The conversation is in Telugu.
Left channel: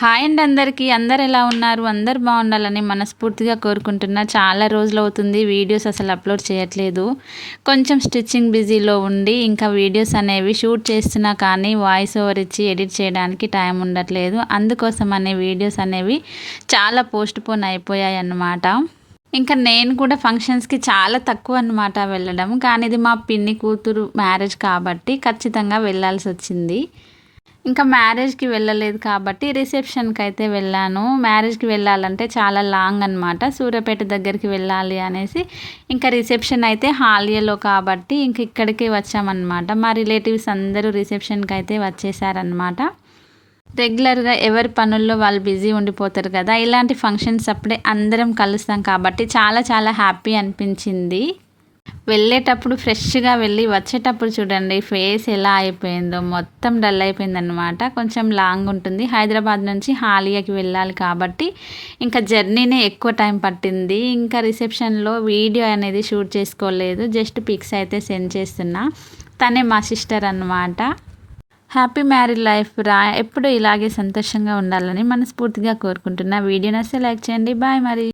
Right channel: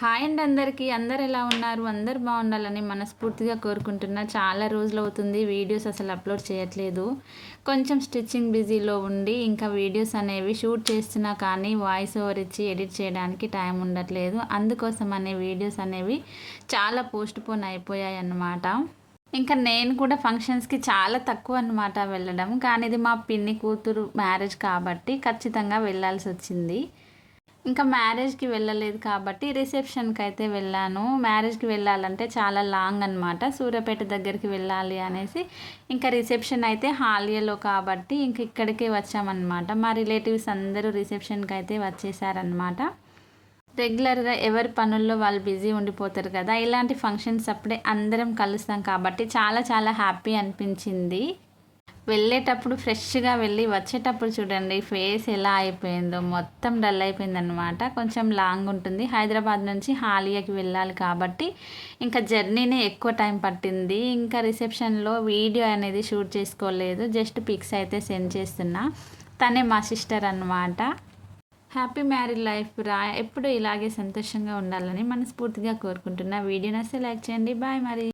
హాయ్ అండి అందరికీ. అందరు ఎలా ఉన్నారు? అందరు బాగుండాలని మనస్ఫూర్తిగా కోరుకుంటున్నా. చాలా రోజులు అవుతుంది వీడియోస్ అసలు అప్లోడ్ చేయట్లేదు. కొంచెం స్టిచ్చింగ్ బిజీలో ఉండి ఇంకా వీడియోస్ అనేవి షూట్ చేస్తున్నా కానీ వాయిస్ ఓవర్ ఇచ్చి ఎడిట్ చేయడానికి టైం ఉండట్లేదు. అందుకోసం వీడియోస్ అనేవి చాలా పోస్ట్ పోన్ అయిపోయాయి అన్నమాట. ఇంకా నేను కూడా ఫంక్షన్స్కి చాలా తక్కువ అన్నమాట వెళ్ళడం. కానీ ఇది మా పిన్ని కూతురు మ్యారేజ్ కాబట్టి ఖచ్చితంగా వెళ్ళాల్సి వచ్చింది. ఇంకా మ్యారేజ్కి వెళ్ళలేదు కాబట్టి రిసెప్షన్కి అయితే వెళ్ళాను. మ్యారేజ్కి వెళ్ళాలంటే చాలా లాంగ్ అనమాట. సూర్యాపేట దగ్గరికి వెళ్ళాలి అనేసి ఇంకా రిసెప్షన్ అయితే హాలియాలో కాబట్టి ఇంక ఇక్కడికి వచ్చామన్నమాట. మా రిలేటివ్స్ అందరూ రిసెప్షన్కి అయితే వచ్చేసారనమాట. రెగ్యులర్గా ఎవరి పనుల్లో వాళ్ళు బిజీ ఉండిపోతారు కదా. ఇలాంటి ఫంక్షన్స్ అప్పుడే అందరం కలుస్తాం కాబట్టి చాలా చాలా హ్యాపీ అనిపించింది. వెళ్ళేటప్పుడు ఫ్రెష్గా వెళ్ళి వచ్చేటప్పుడు చూడండి ఫేస్ ఎలా అయిపోయిందో, మొత్తం డల్ అయిపోయిందనమాట. కొంచెం లాంగ్ ఉంటుంది. హైదరాబాద్ నుంచి హాలియాకి వెళ్ళాలి కాబట్టి ఇంకా జర్నీనే ఎక్కువ టైం పట్టింది. ఇంకా రిసెప్షన్లో వీడియో అనేది షూట్ చేసుకోలేదు, జస్ట్ పిక్స్ అయితే సెండ్ చేస్తున్నా. తనే మా సిస్టర్ అన్నమాట. హ్యాపీ మ్యారీడ్ లైఫ్ రా, ఎప్పుడు ఇలాగే సంతోషంగా ఉండాలని మనస్ఫూర్తిగా కోరుకుంటున్నా. వీడియో నచ్చితే లైక్ చేయండి. బాయ్ మరి.